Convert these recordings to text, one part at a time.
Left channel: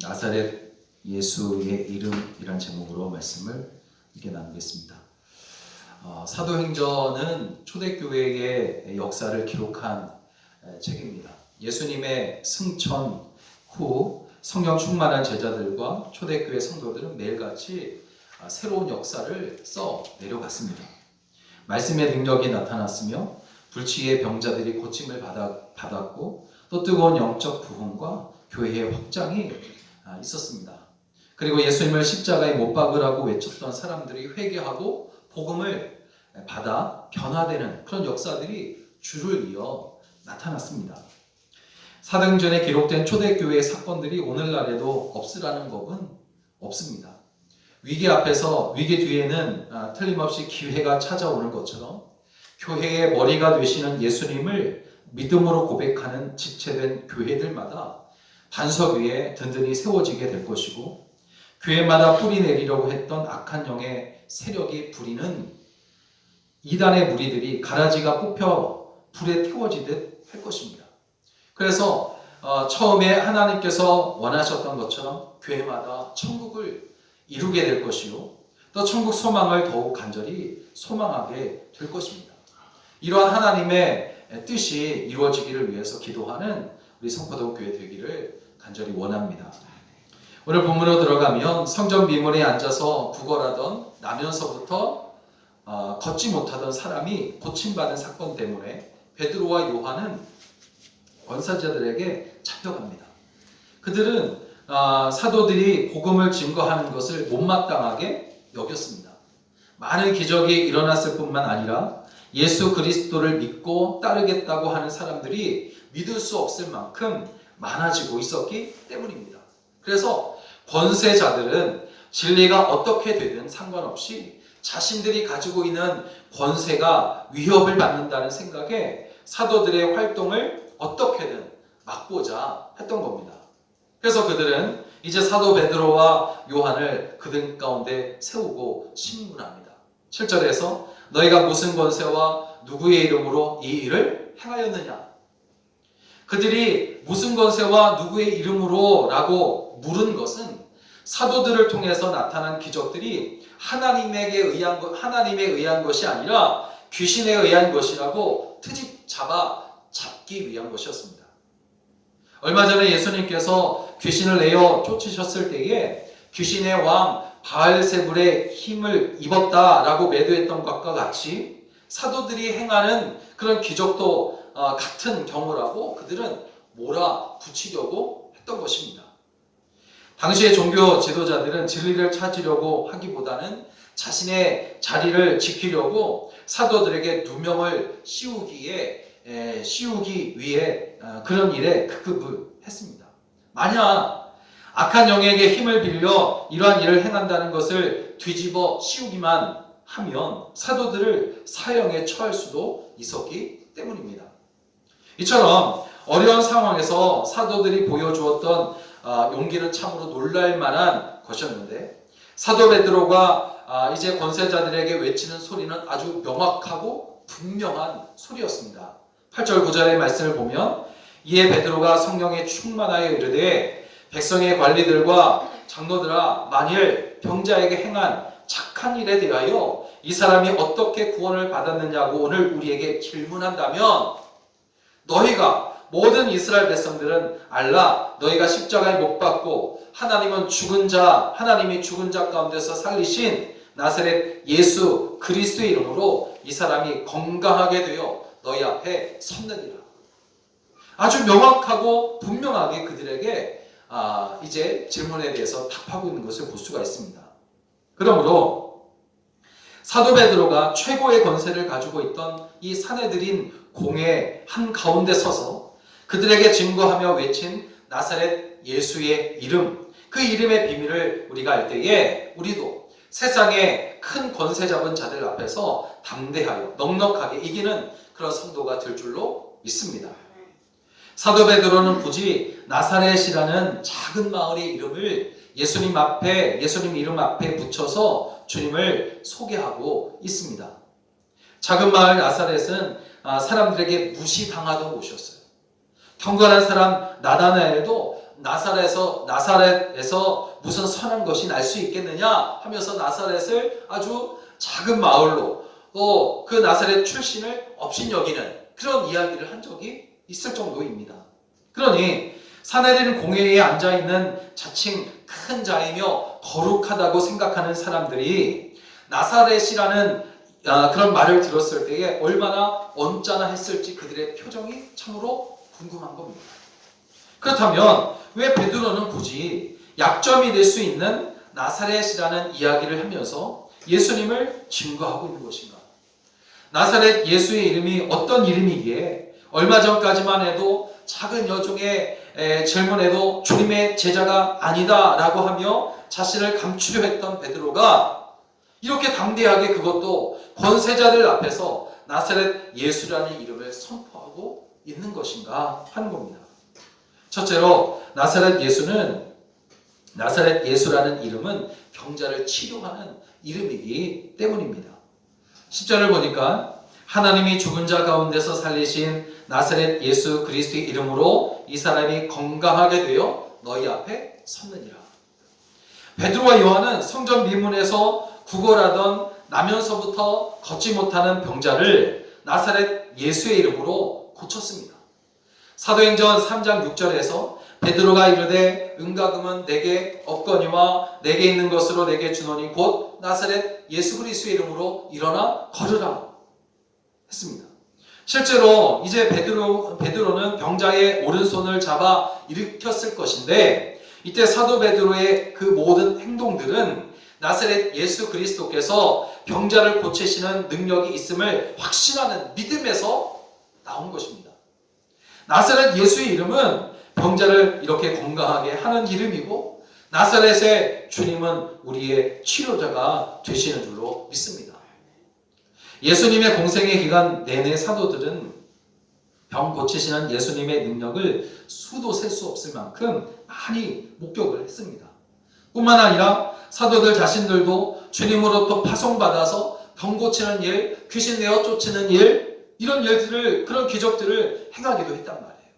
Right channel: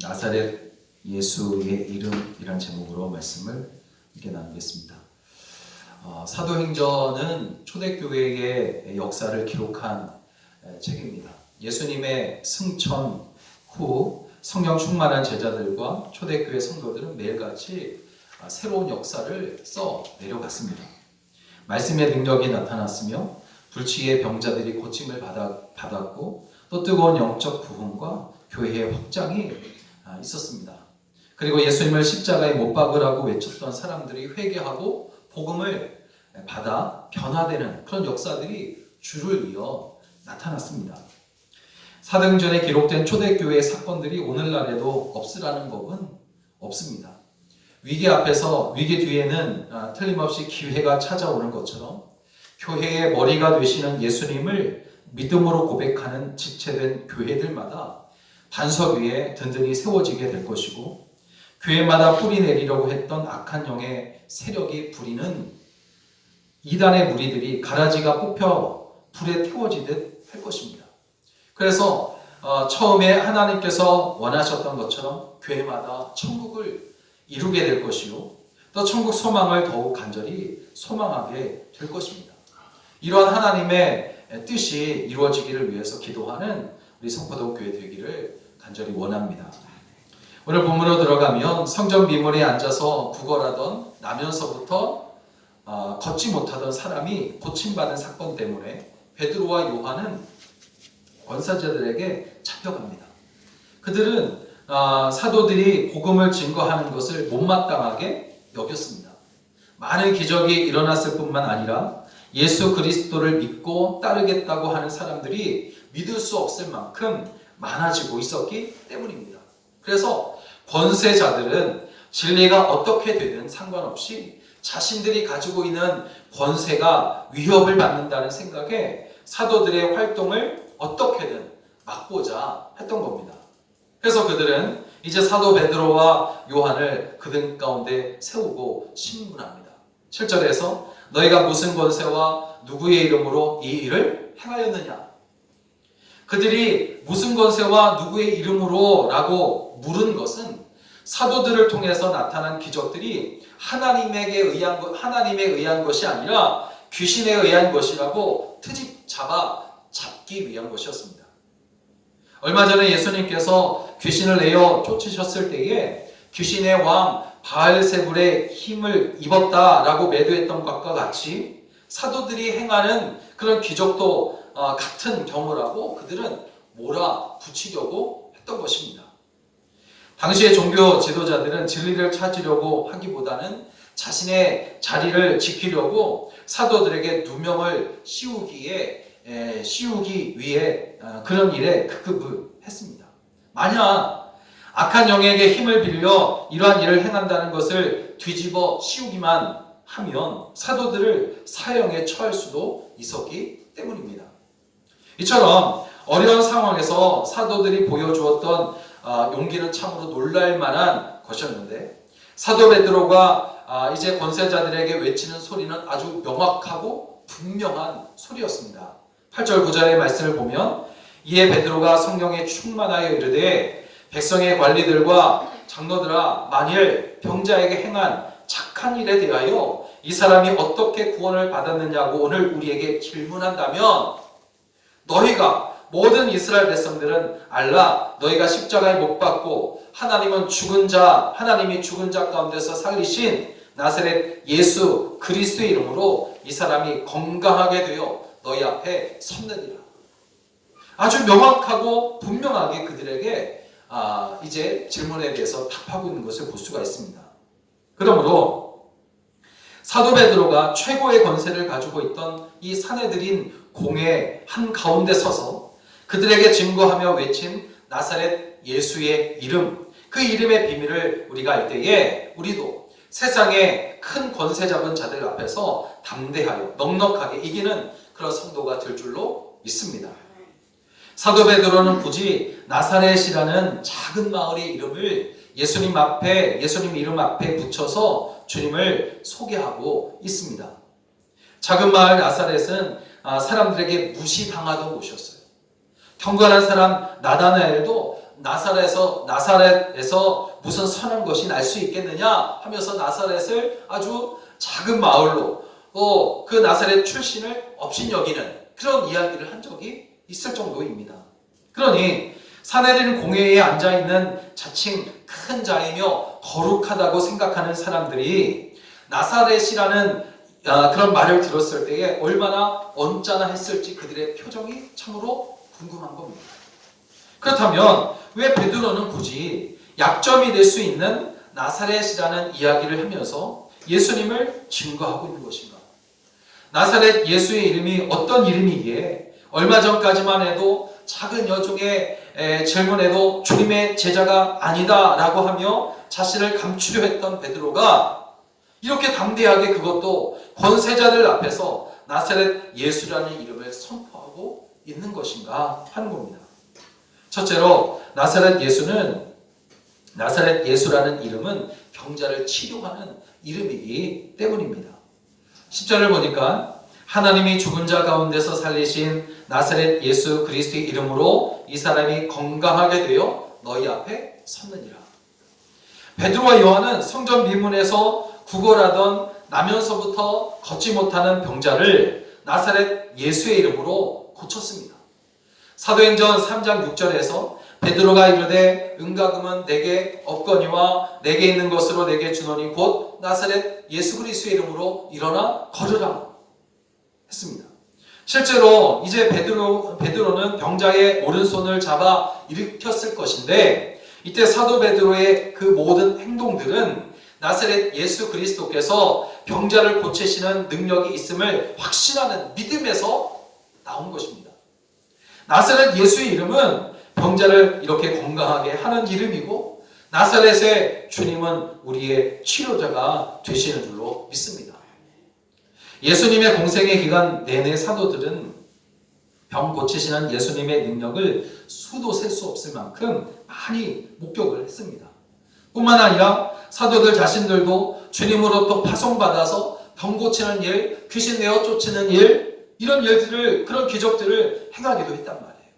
나사렛 예수의 이름이란 제목으로 말씀을 이렇게 나누겠습니다. 사도행전은 초대교회의 역사를 기록한 책입니다. 예수님의 승천 후 성령 충만한 제자들과 초대교회 성도들은 매일같이 새로운 역사를 써 내려갔습니다. 말씀의 능력이 나타났으며 불치의 병자들이 고침을 받았고 또 뜨거운 영적 부흥과 교회의 확장이 있었습니다. 그리고 예수님을 십자가에 못 박으라고 외쳤던 사람들이 회개하고 복음을 받아 변화되는 그런 역사들이 줄을 이어 나타났습니다. 사도행전에 기록된 초대교회의 사건들이 오늘날에도 없으라는 법은 없습니다. 위기 뒤에는 틀림없이 기회가 찾아오는 것처럼 교회의 머리가 되시는 예수님을 믿음으로 고백하는 지체된 교회들마다 반석 위에 든든히 세워지게 될 것이고, 교회마다 뿌리 내리려고 했던 악한 영의 세력이 부리는 이단의 무리들이 가라지가 뽑혀 불에 태워지듯 할 것입니다. 그래서 처음에 하나님께서 원하셨던 것처럼 교회마다 천국을 이루게 될 것이요, 또 천국 소망을 더욱 간절히 소망하게 될 것입니다. 이러한 하나님의 뜻이 이루어지기를 위해서 기도하는 우리 성포동 교회 되기를 간절히 원합니다. 오늘 본문으로 들어가면 성전 미문에 앉아서 구걸하던 나면서부터 걷지 못하던 사람이 고침받은 사건 때문에 베드로와 요한은 권사자들에게 잡혀갑니다. 그들은 사도들이 복음을 증거하는 것을 못마땅하게 여겼습니다. 많은 기적이 일어났을 뿐만 아니라 예수 그리스도를 믿고 따르겠다고 하는 사람들이 믿을 수 없을 만큼 많아지고 있었기 때문입니다. 그래서 권세자들은 진리가 어떻게 되든 상관없이 자신들이 가지고 있는 권세가 위협을 받는다는 생각에 사도들의 활동을 어떻게든 막고자 했던 겁니다. 그래서 그들은 이제 사도 베드로와 요한을 그들 가운데 세우고 신문합니다. 7절에서 너희가 무슨 권세와 누구의 이름으로 이 일을 행하였느냐? 그들이 무슨 권세와 누구의 이름으로 라고 물은 것은 사도들을 통해서 나타난 기적들이 하나님에 의한 것이 아니라 귀신에 의한 것이라고 트집 잡기 위한 것이었습니다. 얼마 전에 예수님께서 귀신을 내어 쫓으셨을 때에 귀신의 왕 바알세불의 힘을 입었다라고 매도했던 것과 같이 사도들이 행하는 그런 기적도 같은 경우라고 그들은 몰아붙이려고 했던 것입니다. 당시의 종교 지도자들은 진리를 찾으려고 하기보다는 자신의 자리를 지키려고 사도들에게 누명을 씌우기 위해 그런 일에 급급을 했습니다. 만약 악한 영에게 힘을 빌려 이러한 일을 행한다는 것을 뒤집어 씌우기만 하면 사도들을 사형에 처할 수도 있었기 때문입니다. 이처럼 어려운 상황에서 사도들이 보여주었던 용기는 참으로 놀랄만한 것이었는데, 사도 베드로가 이제 권세자들에게 외치는 소리는 아주 명확하고 분명한 소리였습니다. 8절 9절의 말씀을 보면 이에 베드로가 성령에 충만하여 이르되 백성의 관리들과 장로들아, 만일 병자에게 행한 착한 일에 대하여 이 사람이 어떻게 구원을 받았느냐고 오늘 우리에게 질문한다면, 너희가 모든 이스라엘 백성들은 알라, 너희가 십자가에 못 박고 하나님이 죽은 자 가운데서 살리신 나사렛 예수 그리스도의 이름으로 이 사람이 건강하게 되어 너희 앞에 섰느니라. 아주 명확하고 분명하게 그들에게 이제 질문에 대해서 답하고 있는 것을 볼 수가 있습니다. 그러므로 사도 베드로가 최고의 권세를 가지고 있던 이 사내들인 공회 한가운데 서서 그들에게 증거하며 외친 나사렛 예수의 이름, 그 이름의 비밀을 우리가 알 때에 우리도 세상의 큰 권세 잡은 자들 앞에서 담대하여 넉넉하게 이기는 그런 성도가 될 줄로 믿습니다. 사도 베드로는 굳이 나사렛이라는 작은 마을의 이름을 예수님 이름 앞에 붙여서 주님을 소개하고 있습니다. 작은 마을 나사렛은 사람들에게 무시당하던 곳이었어요. 경건한 사람 나다나엘도 나사렛에서 무슨 선한 것이 날 수 있겠느냐 하면서 나사렛을 아주 작은 마을로 또 그 나사렛 출신을 업신여기는 그런 이야기를 한 적이 있을 정도입니다. 그러니 사내들은 공회에 앉아있는 자칭 큰 자이며 거룩하다고 생각하는 사람들이 나사렛이라는 그런 말을 들었을 때에 얼마나 언짢아 했을지 그들의 표정이 참으로 궁금한 겁니다. 그렇다면 왜 베드로는 굳이 약점이 될 수 있는 나사렛이라는 이야기를 하면서 예수님을 증거하고 있는 것인가? 나사렛 예수의 이름이 어떤 이름이기에 얼마 전까지만 해도 작은 여종의 질문에도 주님의 제자가 아니다라고 하며 자신을 감추려 했던 베드로가 이렇게 담대하게 그것도 권세자들 앞에서 나사렛 예수라는 이름을 선포하고 있는 것인가 하는 겁니다. 첫째로 나사렛 예수라는 이름은 병자를 치료하는 이름이기 때문입니다. 10절을 보니까 하나님이 죽은 자 가운데서 살리신 나사렛 예수 그리스도의 이름으로 이 사람이 건강하게 되어 너희 앞에 섰느니라. 베드로와 요한은 성전 미문에서 구걸하던 나면서부터 걷지 못하는 병자를 나사렛 예수의 이름으로 고쳤습니다. 사도행전 3장 6절에서 베드로가 이르되 은과금은 내게 없거니와 내게 있는 것으로 내게 주노니 곧 나사렛 예수 그리스도의 이름으로 일어나 걸으라 했습니다. 실제로 이제 베드로는 병자의 오른손을 잡아 일으켰을 것인데 이때 사도 베드로의 그 모든 행동들은 나사렛 예수 그리스도께서 병자를 고치시는 능력이 있음을 확신하는 믿음에서 나온 것입니다. 나사렛 예수의 이름은 병자를 이렇게 건강하게 하는 이름이고 나사렛의 주님은 우리의 치료자가 되시는 줄로 믿습니다. 예수님의 공생의 기간 내내 사도들은 병 고치시는 예수님의 능력을 수도 셀 수 없을 만큼 많이 목격을 했습니다. 뿐만 아니라 사도들 자신들도 주님으로부터 파송받아서 병 고치는 일, 귀신 내어 쫓는 일, 이런 일들을, 그런 기적들을 행하기도 했단 말이에요.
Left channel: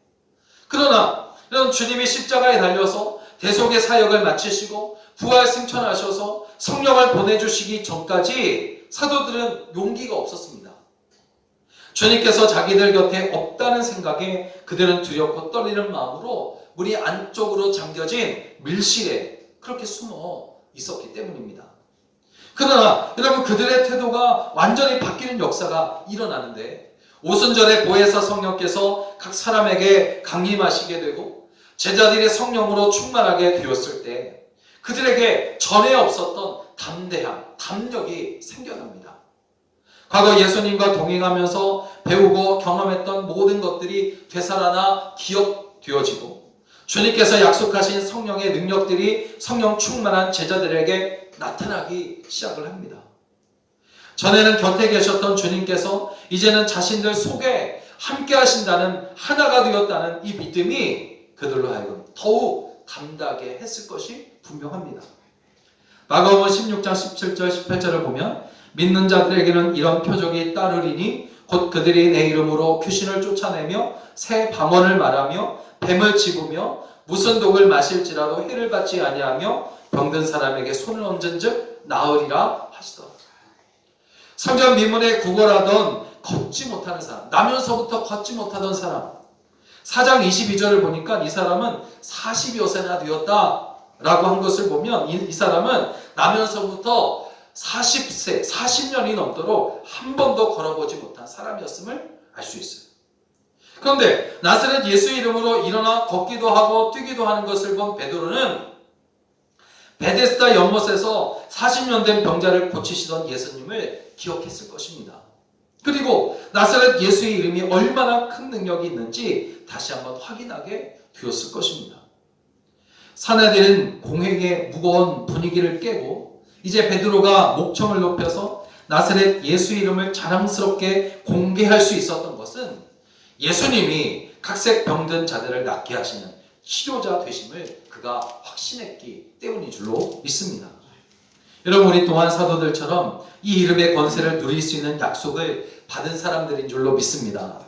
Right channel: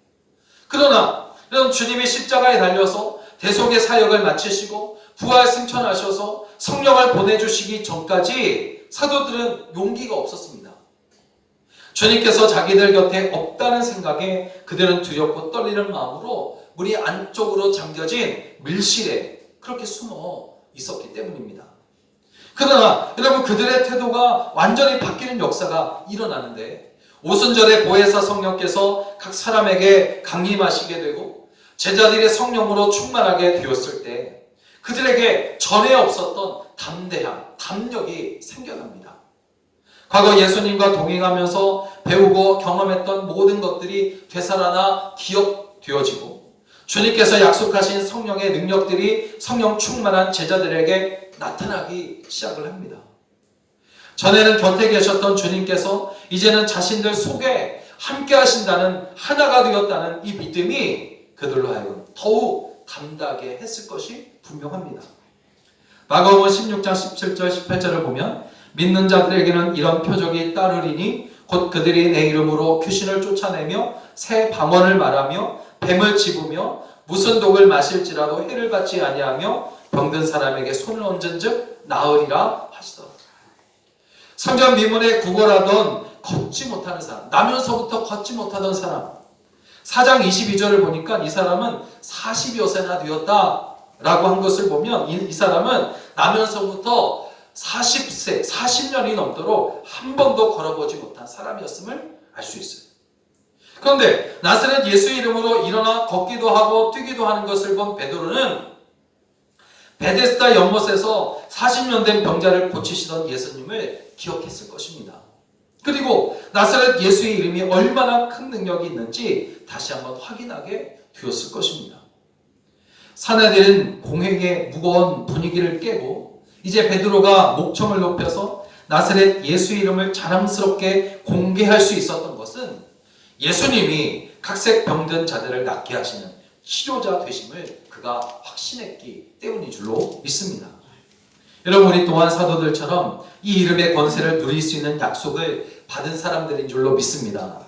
그러나 이런 주님이 십자가에 달려서 대속의 사역을 마치시고 부활 승천하셔서 성령을 보내주시기 전까지 사도들은 용기가 없었습니다. 주님께서 자기들 곁에 없다는 생각에 그들은 두렵고 떨리는 마음으로 문이 안쪽으로 잠겨진 밀실에 그렇게 숨어 있었기 때문입니다. 그러나 여러분 그들의 태도가 완전히 바뀌는 역사가 일어나는데 오순절에 보혜사 성령께서 각 사람에게 강림하시게 되고 제자들의 성령으로 충만하게 되었을 때 그들에게 전에 없었던 담대함, 담력이 생겨납니다. 과거 예수님과 동행하면서 배우고 경험했던 모든 것들이 되살아나 기억되어지고 주님께서 약속하신 성령의 능력들이 성령 충만한 제자들에게 나타나기 시작을 합니다. 전에는 곁에 계셨던 주님께서 이제는 자신들 속에 함께 하신다는, 하나가 되었다는 이 믿음이 그들로 하여금 더욱 담대하게 했을 것이 분명합니다. 마가복음 16장 17절 18절을 보면 믿는 자들에게는 이런 표적이 따르리니 곧 그들이 내 이름으로 귀신을 쫓아내며 새 방언을 말하며 뱀을 집으며 무슨 독을 마실지라도 해를 받지 아니하며 병든 사람에게 손을 얹은즉 나으리라 하시더라. 성전 미문에 구걸하던 걷지 못하는 사람, 나면서부터 걷지 못하던 사람, 4장 22절을 보니까 이 사람은 40여 세나 되었다라고 한 것을 보면 이 사람은 나면서부터 40세, 40년이 넘도록 한 번도 걸어보지 못한 사람이었음을 알 수 있어요. 그런데 나사렛 예수 이름으로 일어나 걷기도 하고 뛰기도 하는 것을 본 베드로는 베데스다 연못에서 40년 된 병자를 고치시던 예수님을 기억했을 것입니다. 그리고 나사렛 예수의 이름이 얼마나 큰 능력이 있는지 다시 한번 확인하게 되었을 것입니다. 사내들은 공회의 무거운 분위기를 깨고 이제 베드로가 목청을 높여서 나사렛 예수 이름을 자랑스럽게 공개할 수 있었던 것은 예수님이 각색 병든 자들을 낫게 하시는 치료자 되심을 그가 확신했기 때문인 줄로 믿습니다. 여러분 우리 또한 사도들처럼 이 이름의 권세를 누릴 수 있는 약속을 받은 사람들인 줄로 믿습니다.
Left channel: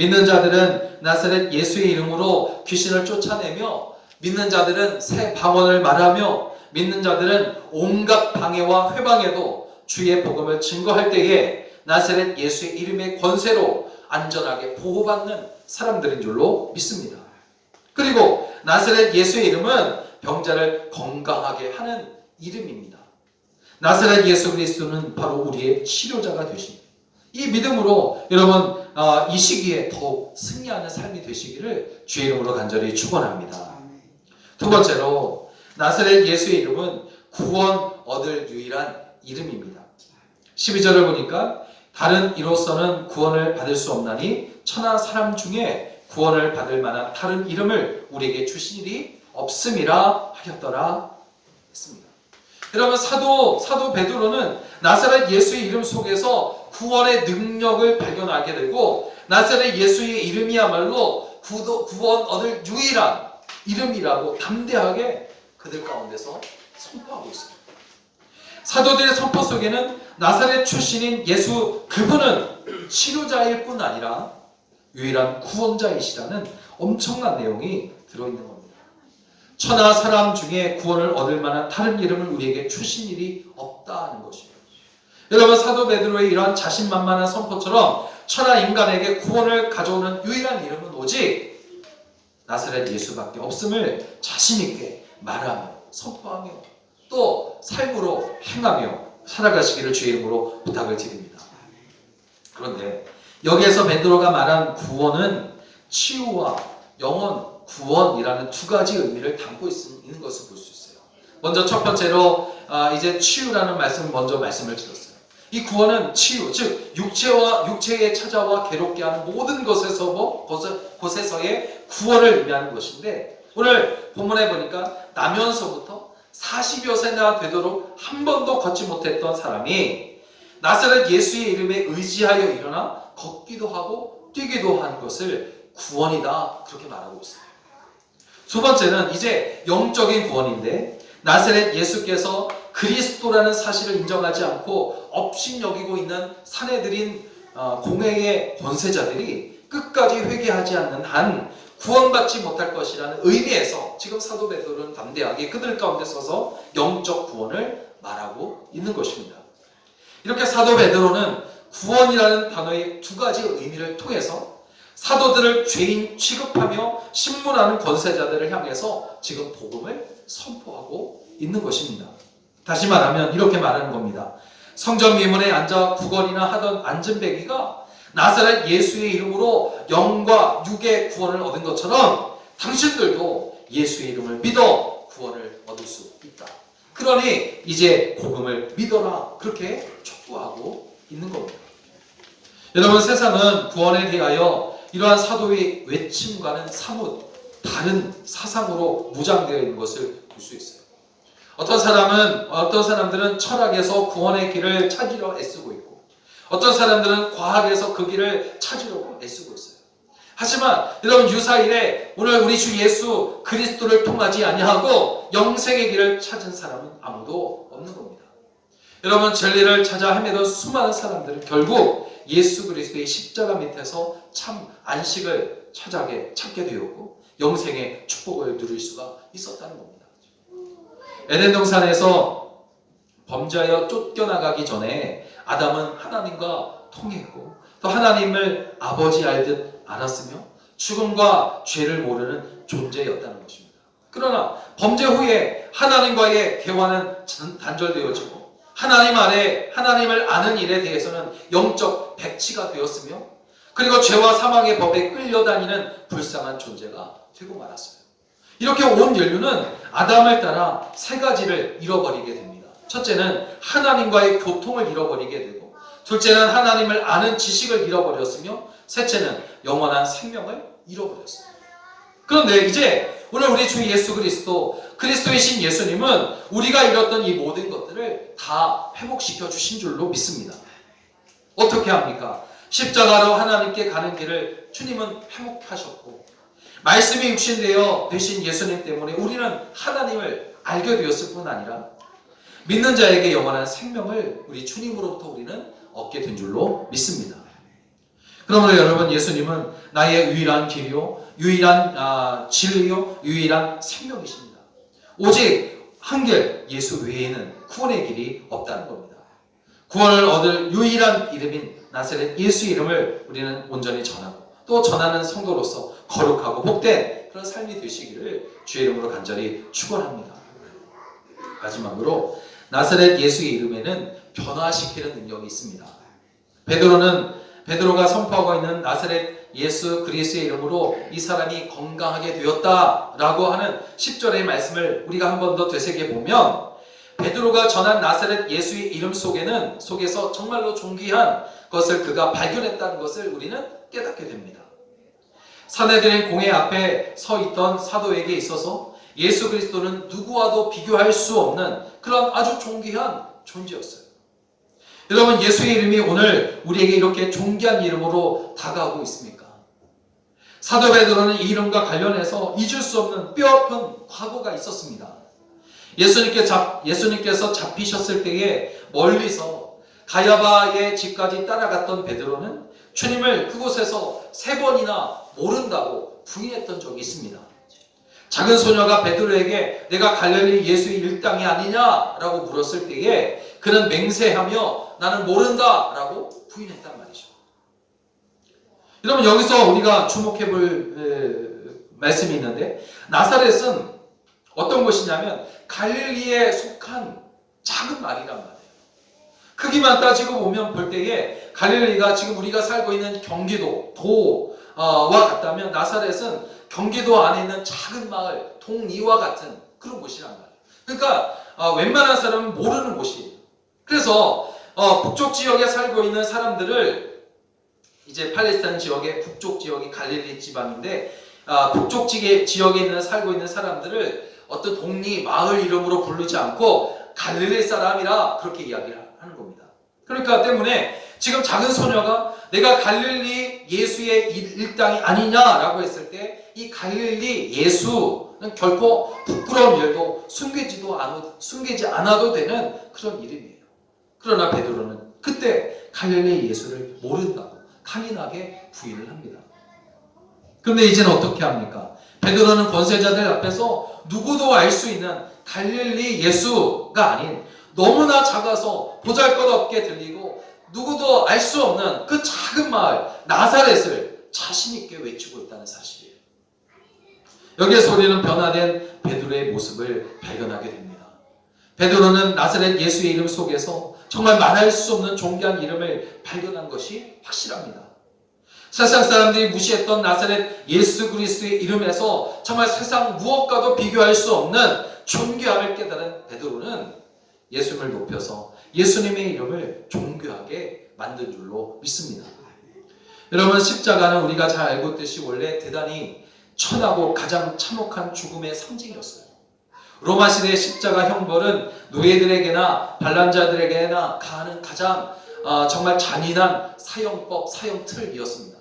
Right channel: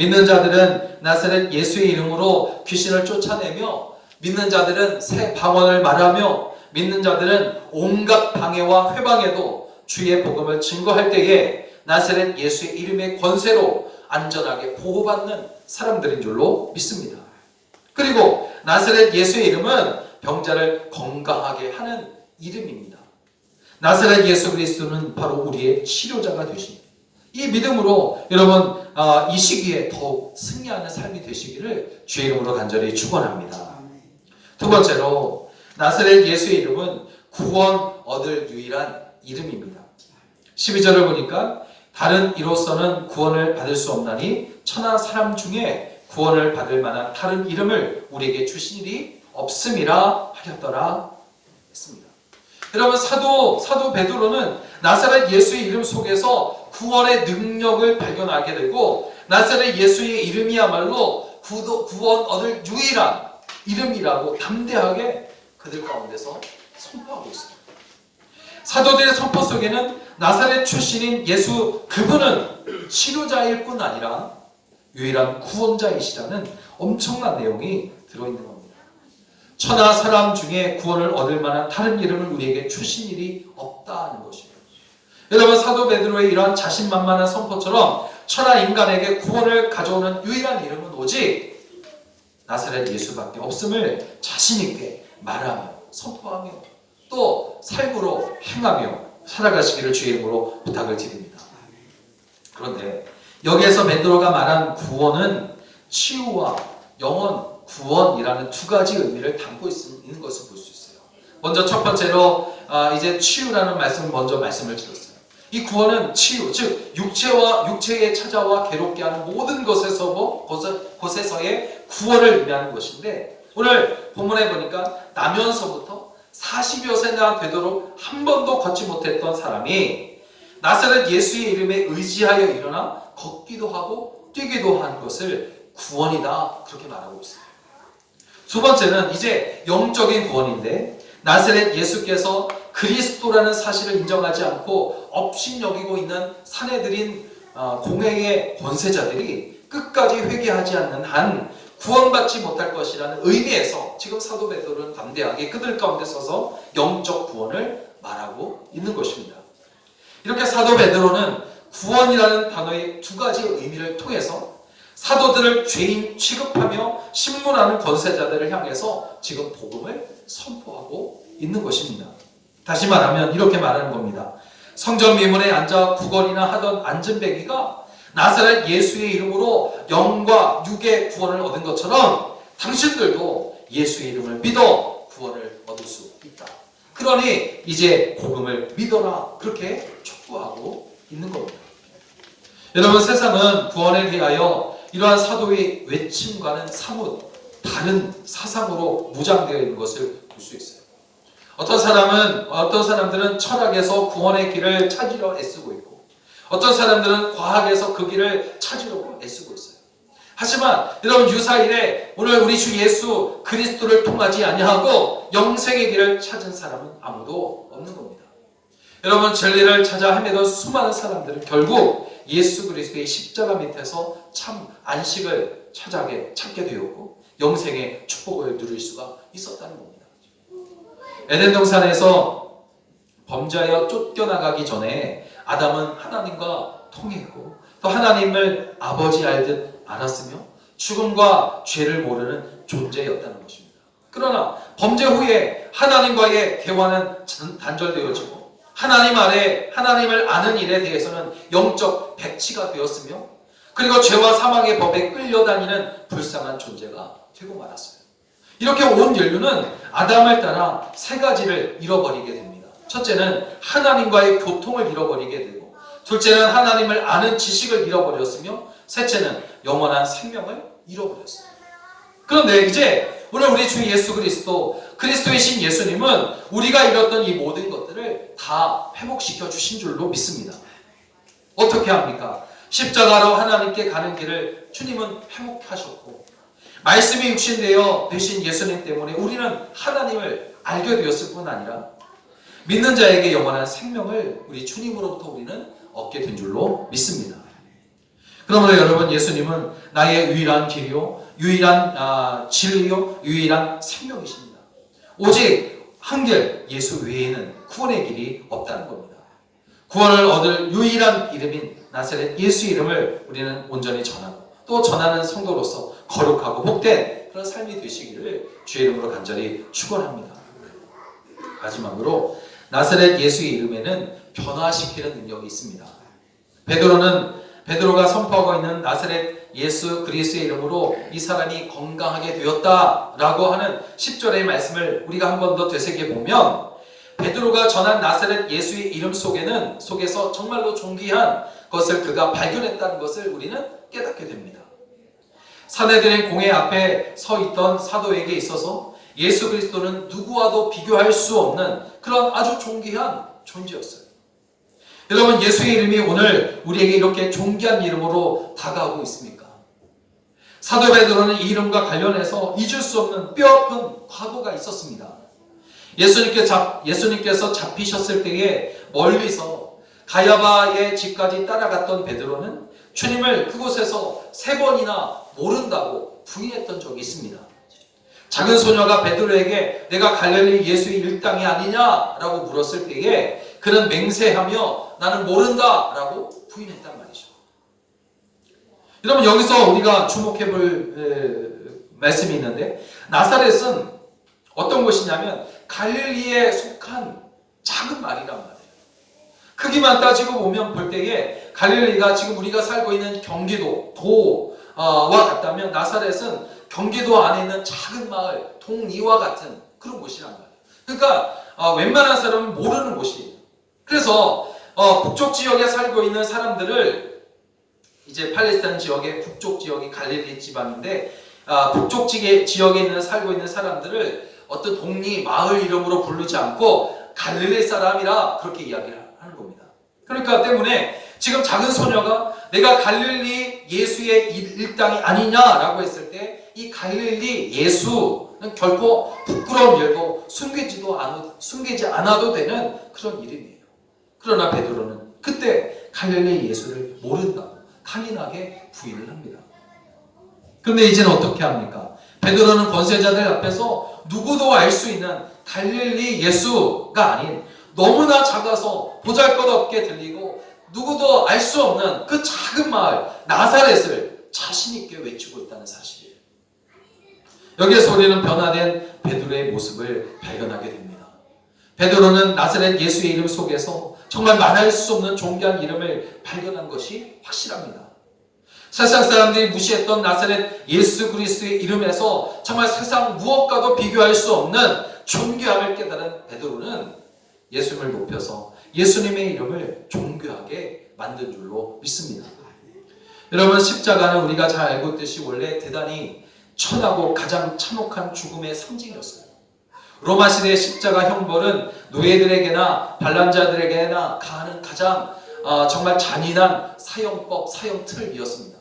믿는 자들은 나사렛 예수의 이름으로 귀신을 쫓아내며, 믿는 자들은 새 방언을 말하며, 믿는 자들은 온갖 방해와 회방에도 주의 복음을 증거할 때에 나사렛 예수의 이름의 권세로 안전하게 보호받는 사람들인 줄로 믿습니다. 그리고 나사렛 예수의 이름은 병자를 건강하게 하는 이름입니다. 나사렛 예수 그리스도는 바로 우리의 치료자가 되십니다. 이 믿음으로 여러분 이 시기에 더욱 승리하는 삶이 되시기를 주의 이름으로 간절히 축원합니다. 두 번째로 나사렛 예수의 이름은 구원 얻을 유일한 이름입니다. 12절을 보니까 다른 이로서는 구원을 받을 수 없나니 천하 사람 중에 구원을 받을 만한 다른 이름을 우리에게 주신 일이 없음이라 하였더라 했습니다. 여러분 사도 베드로는 나사렛 예수의 이름 속에서 구원의 능력을 발견하게 되고 나사렛 예수의 이름이야말로 구원 얻을 유일한 이름이라고 담대하게 그들 가운데서 선포하고 있습니다. 사도들의 선포 속에는 나사렛 출신인 예수 그분은 치료자일 뿐 아니라 유일한 구원자이시라는 엄청난 내용이 들어있는 겁니다. 천하 사람 중에 구원을 얻을 만한 다른 이름을 우리에게 주신 일이 없다는 것이죠. 여러분 사도 베드로의 이러한 자신만만한 선포처럼 천하 인간에게 구원을 가져오는 유일한 이름은 오직 나사렛 예수밖에 없음을 자신있게 말하며 선포하며 또 삶으로 행하며 살아가시기를 주의 이름으로 부탁을 드립니다. 그런데 여기에서 베드로가 말한 구원은 치유와 영원 구원이라는 두 가지 의미를 담고 있는 것을 볼 수 있어요. 먼저 첫 번째로 이제 치유라는 말씀을 먼저 말씀을 드렸어요. 이 구원은 치유, 즉 육체에 찾아와 괴롭게 하는 모든 곳에서의 구원을 의미하는 것인데 오늘 본문에 보니까 나면서부터 40여 세나 되도록 한 번도 걷지 못했던 사람이 나사렛 예수의 이름에 의지하여 일어나 걷기도 하고 뛰기도 한 것을 구원이다 그렇게 말하고 있어요. 두 번째는 이제 영적인 구원인데 나사렛 예수께서 그리스도라는 사실을 인정하지 않고 업신여기고 있는 사내들인 공회의 권세자들이 끝까지 회개하지 않는 한 구원받지 못할 것이라는 의미에서 지금 사도 베드로는 담대하게 그들 가운데 서서 영적 구원을 말하고 있는 것입니다. 이렇게 사도 베드로는 구원이라는 단어의 두 가지 의미를 통해서 사도들을 죄인 취급하며 신문하는 권세자들을 향해서 지금 복음을 선포하고 있는 것입니다. 다시 말하면 이렇게 말하는 겁니다. 성전 미문에 앉아 구걸이나 하던 안전뱅이가 나사렛 예수의 이름으로 영과 육의 구원을 얻은 것처럼 당신들도 예수의 이름을 믿어 구원을 얻을 수 있다. 그러니 이제 복음을 믿어라 그렇게 촉구하고 있는 겁니다. 여러분 세상은 구원에 대하여 이러한 사도의 외침과는 사뭇 다른 사상으로 무장되어 있는 것을 볼 수 있어요. 어떤 사람들은 철학에서 구원의 길을 찾으려 애쓰고 있고 어떤 사람들은 과학에서 그 길을 찾으려고 애쓰고 있어요. 하지만 여러분 유사일에 오늘 우리 주 예수 그리스도를 통하지 아니하고 영생의 길을 찾은 사람은 아무도 없는 겁니다. 여러분 진리를 찾아 헤매던 수많은 사람들은 결국 예수 그리스도의 십자가 밑에서 참 안식을 찾게 되었고 영생의 축복을 누릴 수가 있었다는 겁니다. 에덴 동산에서 범죄하여 쫓겨나가기 전에 아담은 하나님과 통했고 또 하나님을 아버지 알듯 알았으며 죽음과 죄를 모르는 존재였다는 것입니다. 그러나 범죄 후에 하나님과의 대화는 단절되어지고 하나님 아래 하나님을 아는 일에 대해서는 영적 백치가 되었으며 그리고 죄와 사망의 법에 끌려다니는 불쌍한 존재가 되고 말았어요. 이렇게 온 인류는 아담을 따라 세 가지를 잃어버리게 됩니다. 첫째는 하나님과의 교통을 잃어버리게 되고 둘째는 하나님을 아는 지식을 잃어버렸으며 셋째는 영원한 생명을 잃어버렸어요. 그런데 이제 오늘 우리 주 예수 그리스도이신 예수님은 우리가 잃었던 이 모든 것들을 다 회복시켜 주신 줄로 믿습니다. 어떻게 합니까? 십자가로 하나님께 가는 길을 주님은 회복하셨고 말씀이 육신되어 되신 예수님 때문에 우리는 하나님을 알게 되었을 뿐 아니라 믿는 자에게 영원한 생명을 우리 주님으로부터 우리는 얻게 된 줄로 믿습니다. 그러므로 여러분, 예수님은 나의 유일한 길이요, 유일한 진리요, 유일한 생명이십니다. 오직 한결 예수 외에는 구원의 길이 없다는 겁니다. 구원을 얻을 유일한 이름인 나사렛 예수 이름을 우리는 온전히 전하고 또 전하는 성도로서 거룩하고 복된 그런 삶이 되시기를 주의 이름으로 간절히 축원합니다. 마지막으로 나사렛 예수의 이름에는 변화시키는 능력이 있습니다. 베드로가 선포하고 있는 나사렛 예수 그리스도의 이름으로 이 사람이 건강하게 되었다라고 하는 10절의 말씀을 우리가 한 번 더 되새겨보면, 베드로가 전한 나사렛 예수의 이름 속에서 정말로 존귀한 것을 그가 발견했다는 것을 우리는 깨닫게 됩니다. 사내들의 공회 앞에 서 있던 사도에게 있어서 예수 그리스도는 누구와도 비교할 수 없는 그런 아주 존귀한 존재였어요. 여러분, 예수의 이름이 오늘 우리에게 이렇게 존귀한 이름으로 다가오고 있습니까? 사도 베드로는 이 이름과 관련해서 잊을 수 없는 뼈아픈 과거가 있었습니다. 예수님께서 잡히셨을 때에 멀리서 가야바의 집까지 따라갔던 베드로는 주님을 그곳에서 3번이나 모른다고 부인했던 적이 있습니다. 작은 소녀가 베드로에게 내가 갈릴리 예수의 일당이 아니냐라고 물었을 때에 그는 맹세하며 나는 모른다라고 부인했단 말이죠. 여러분, 여기서 우리가 주목해 볼 말씀이 있는데, 나사렛은 어떤 곳이냐면 갈릴리에 속한 작은 말이란 말이에요. 크기만 따지고 보면 볼 때에 갈릴리가 지금 우리가 살고 있는 경기도 도와 같다면, 나사렛은 경기도 안에 있는 작은 마을 동리와 같은 그런 곳이란 말이에요. 그러니까 웬만한 사람은 모르는 곳이에요. 그래서 북쪽 지역에 살고 있는 사람들을, 이제 팔레스타인 지역의 북쪽 지역이 갈릴리 지방인데, 북쪽 지역에 살고 있는 사람들을 어떤 동리 마을 이름으로 부르지 않고 갈릴리 사람이라 그렇게 이야기를 하는 겁니다. 그러니까 때문에 지금 작은 소녀가 내가 갈릴리 예수의 일당이 아니냐라고 했을 때, 이 갈릴리 예수는 결코 부끄러운 일도 숨기지 않아도 되는 그런 이름이에요. 그러나 베드로는 그때 갈릴리 예수를 모른다고 강인하게 부인을 합니다. 그런데 이제는 어떻게 합니까? 베드로는 권세자들 앞에서 누구도 알 수 있는 갈릴리 예수가 아닌 너무나 작아서 보잘것없게 들리고 누구도 알 수 없는 그 작은 마을 나사렛을 자신 있게 외치고 있다는 사실이에요. 여기에서 우리는 변화된 베드로의 모습을 발견하게 됩니다. 베드로는 나사렛 예수의 이름 속에서 정말 말할 수 없는 존귀한 이름을 발견한 것이 확실합니다. 세상 사람들이 무시했던 나사렛 예수 그리스도의 이름에서 정말 세상 무엇과도 비교할 수 없는 존귀함을 깨달은 베드로는 예수님을 높여서 예수님의 이름을 존귀하게 만든 줄로 믿습니다. 여러분, 십자가는 우리가 잘 알고 있듯이 원래 대단히 천하고 가장 참혹한 죽음의 상징이었어요. 로마 시대의 십자가 형벌은 노예들에게나 반란자들에게나 가하는 가장 정말 잔인한 사형 틀이었습니다.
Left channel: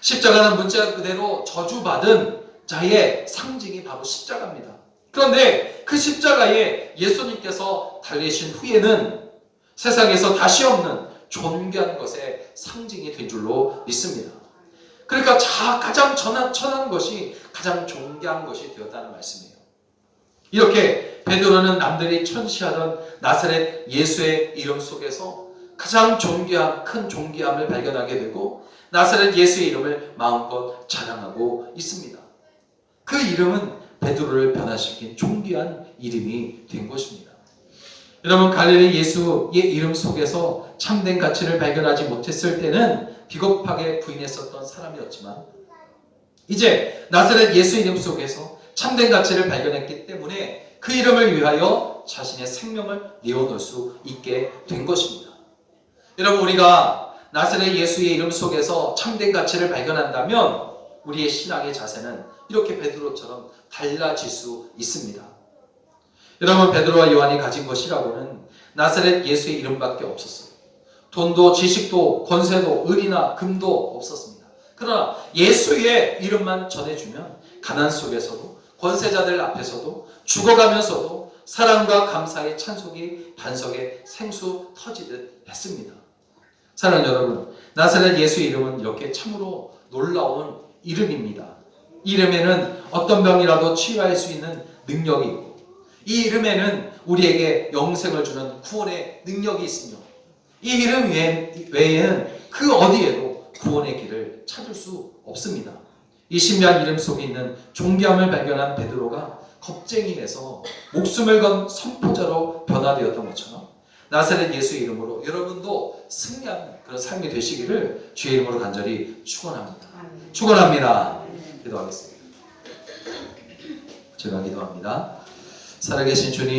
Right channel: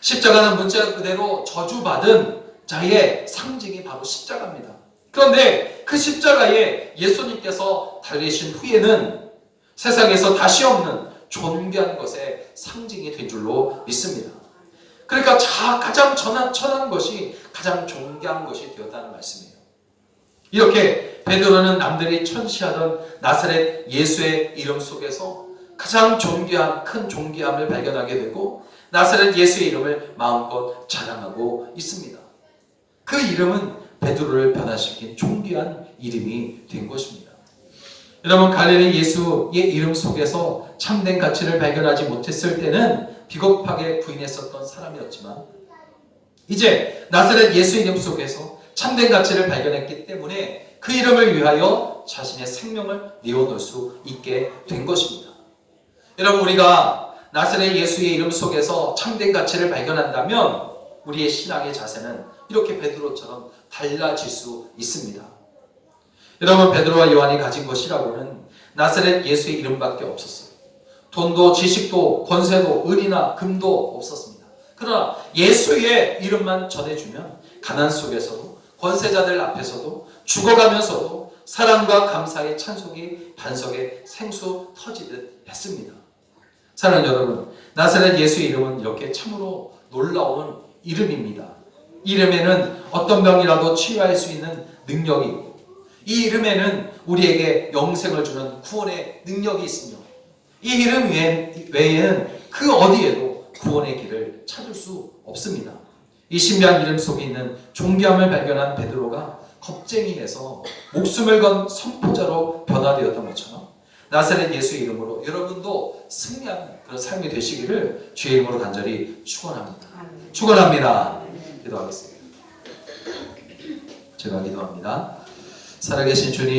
십자가는 문자 그대로 저주받은 자의 상징이 바로 십자가입니다. 그런데 그 십자가에 예수님께서 달리신 후에는 세상에서 다시 없는 존귀한 것의 상징이 된 줄로 믿습니다. 그러니까 가장 천한 것이 가장 존귀한 것이 되었다는 말씀이에요. 이렇게 베드로는 남들이 천시하던 나사렛 예수의 이름 속에서 가장 존귀한 큰 존귀함을 발견하게 되고 나사렛 예수의 이름을 마음껏 자랑하고 있습니다. 그 이름은 베드로를 변화시킨 존귀한 이름이 된 것입니다. 여러분, 갈릴리 예수의 이름 속에서 참된 가치를 발견하지 못했을 때는 비겁하게 부인했었던 사람이었지만, 이제 나사렛 예수 이름 속에서 참된 가치를 발견했기 때문에 그 이름을 위하여 자신의 생명을 내어놓을 수 있게 된 것입니다. 여러분, 우리가 나사렛 예수의 이름 속에서 참된 가치를 발견한다면 우리의 신앙의 자세는 이렇게 베드로처럼 달라질 수 있습니다. 여러분, 베드로와 요한이 가진 것이라고는 나사렛 예수의 이름밖에 없었어요. 돈도 지식도 권세도 은이나 금도 없었습니다. 그러나 예수의 이름만 전해주면 가난 속에서도 권세자들 앞에서도 죽어가면서도 사랑과 감사의 찬송이 반석에 생수 터지듯 했습니다. 사랑하는 여러분, 나사렛 예수 이름은 이렇게 참으로 놀라운 이름입니다. 이 이름에는 어떤 병이라도 치유할 수 있는 능력이 있고, 이 이름에는 우리에게 영생을 주는 구원의 능력이 있으며, 이 이름 외에는 그 어디에도 구원의 길을 찾을 수 없습니다. 이 신비한 이름 속에 있는 존귀함을 발견한 베드로가 겁쟁이 돼서 목숨을 건 선포자로 변화되었던 것처럼, 나사렛 예수 이름으로 여러분도 승리하는 그런 삶이 되시기를 주의 이름으로 간절히 축원합니다. 축원합니다. 기도하겠습니다. 제가 기도합니다. 살아계신 주님,